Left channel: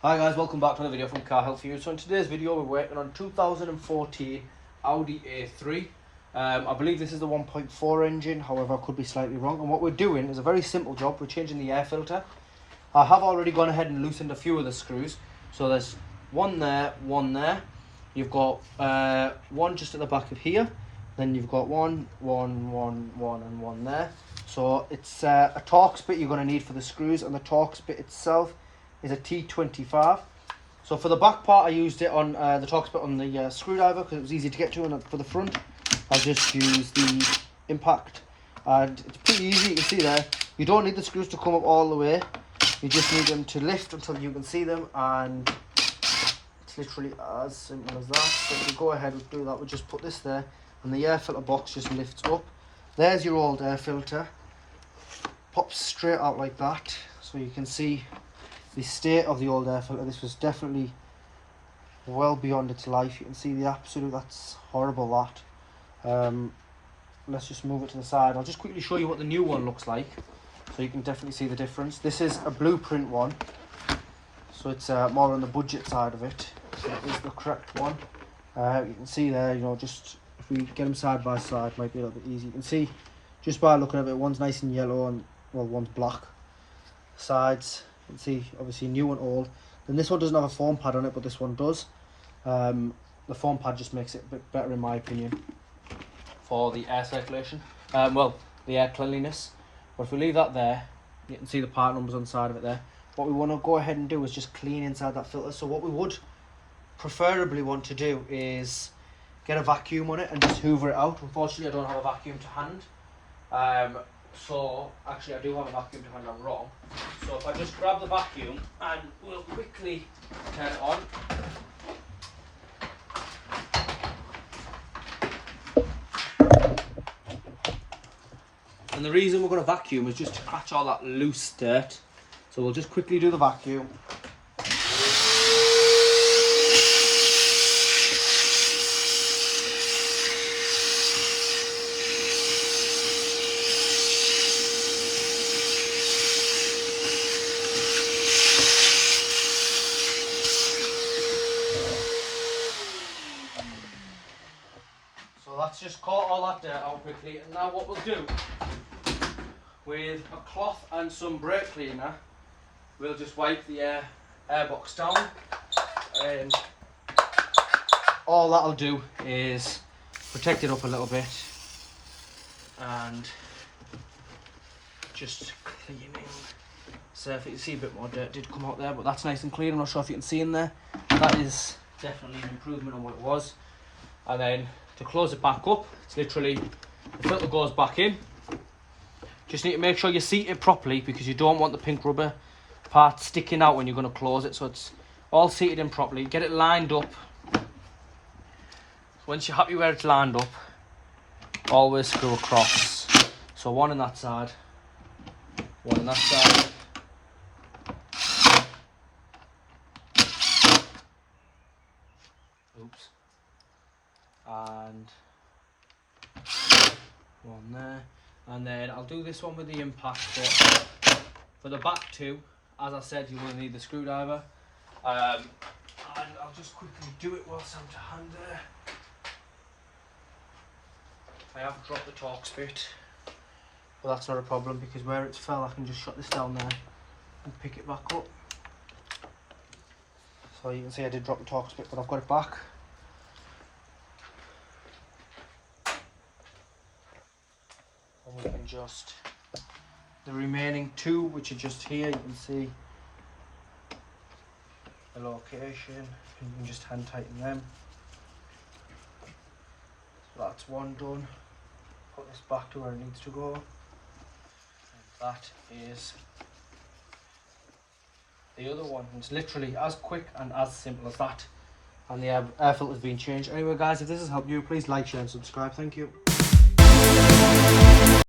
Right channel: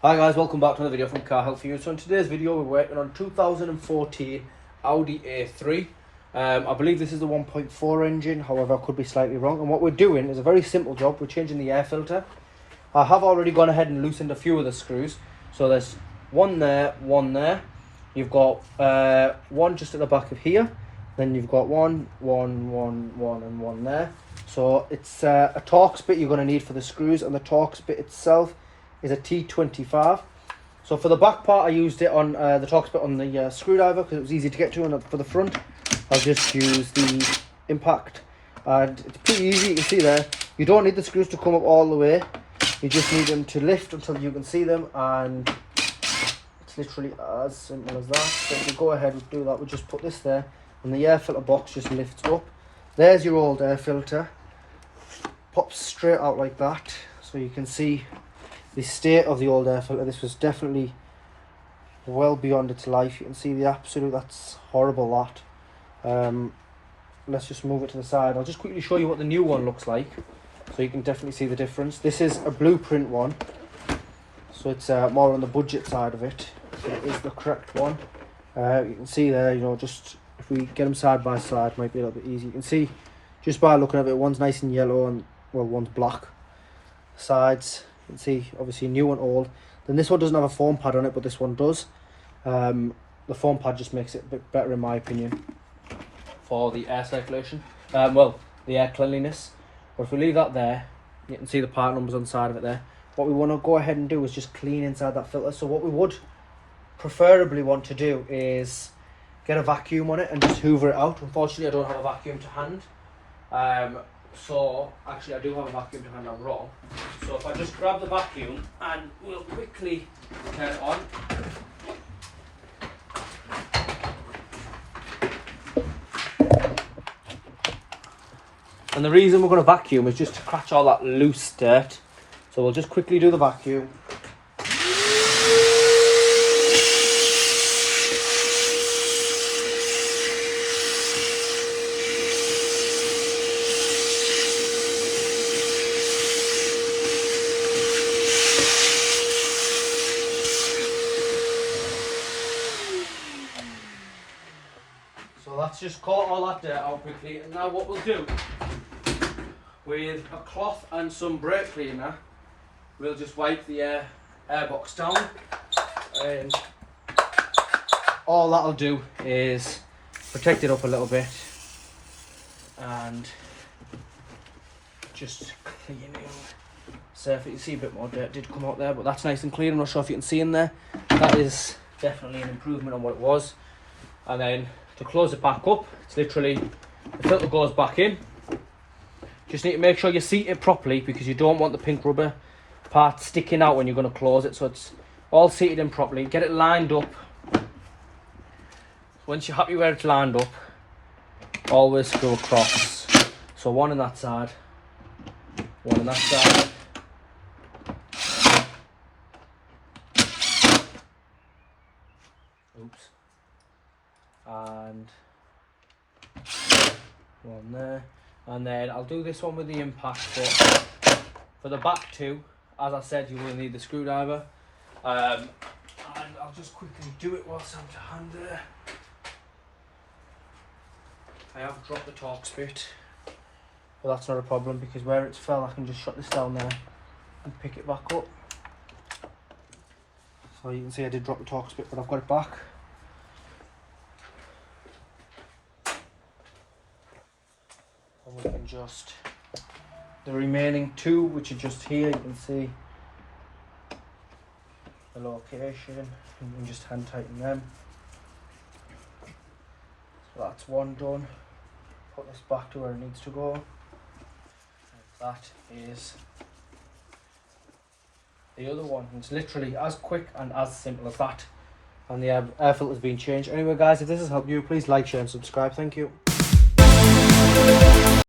Hi guys, welcome back to another video from Car Health for You. So in today's video we're working on 2014 Audi A3. I believe this is the 1.4 engine, however I could be slightly wrong. And what we're doing is a very simple job. We're changing the air filter. I have already gone ahead and loosened a few of the screws. So there's one there, one there. You've got one just at the back of here. Then you've got one, and one there. So it's a Torx bit you're going to need for the screws, and the Torx bit itself is a T25. So for the back part I used it on the Torx bit on the screwdriver because it was easy to get to, and for the front I'll just use the impact, and it's pretty easy. You can see there you don't need the screws to come up all the way, you just need them to lift until you can see them, and it's literally as simple as that. So if we go ahead and do that, we'll just put this there and the air filter box just lifts up. There's your old air filter, pops straight out like that, so you can see the state of the old air filter. This was definitely well beyond its life. You can see the absolute, that's horrible that. Let's just move it to the side. I'll just quickly show you what the new one looks like so you can definitely see the difference. This is a blueprint one, so it's more on the budget side of it. So it is the correct one. You can see there, you know, just if we get them side by side might be a little bit easy. You can see just by looking at it, one's nice and yellow and, well, one's black. Sides, you can see obviously new and old. Then this one doesn't have a foam pad on it, but this one does. The foam pad just makes it a bit better in my opinion for the air circulation, well, the air cleanliness. But if we leave that there, you can see the part numbers on the side of it there. What we want to go ahead and do is just clean inside that filter. So what we would preferably want to do is get a vacuum on it and just hoover it out. Unfortunately I don't have a vacuum to hand. So actually I do have a vacuum to hand, I'm wrong. So if I just grab the vacuum and we'll quickly turn it on. And the reason we're going to vacuum is just to catch all that loose dirt. So we'll just quickly do the vacuum. So that's just caught all that dirt out quickly, and now what we'll do, with a cloth and some brake cleaner, we'll just wipe the airbox down, and all that'll do is protect it up a little bit and just cleaning surface. You see a bit more dirt did come out there, but that's nice and clean. I'm not sure if you can see in there. That is definitely an improvement on what it was. And then to close it back up, it's literally, the filter goes back in. Just need to make sure you seat it properly because you don't want the pink rubber part sticking out when you're going to close it. So it's all seated in properly. Get it lined up. Once you're happy where it's lined up, always screw across. So one on that side, one on that side. Oops. And one there. And then I'll do this one with the impact, but for the back two, as I said, you will need the screwdriver. And I'll just quickly do it whilst I'm to hand there. I have dropped the Torx bit, but that's not a problem because where it's fell, I can just shut this down there and pick it back up. So you can see I did drop the Torx bit, but I've got it back. We can just, the remaining two, which are just here, you can see the location, and you can just hand tighten them. So that's one done. Put this back to where it needs to go. And that is the other one. It's literally as quick and as simple as that. And the air filter's been changed. Anyway guys, if this has helped you, please like, share and subscribe. Thank you.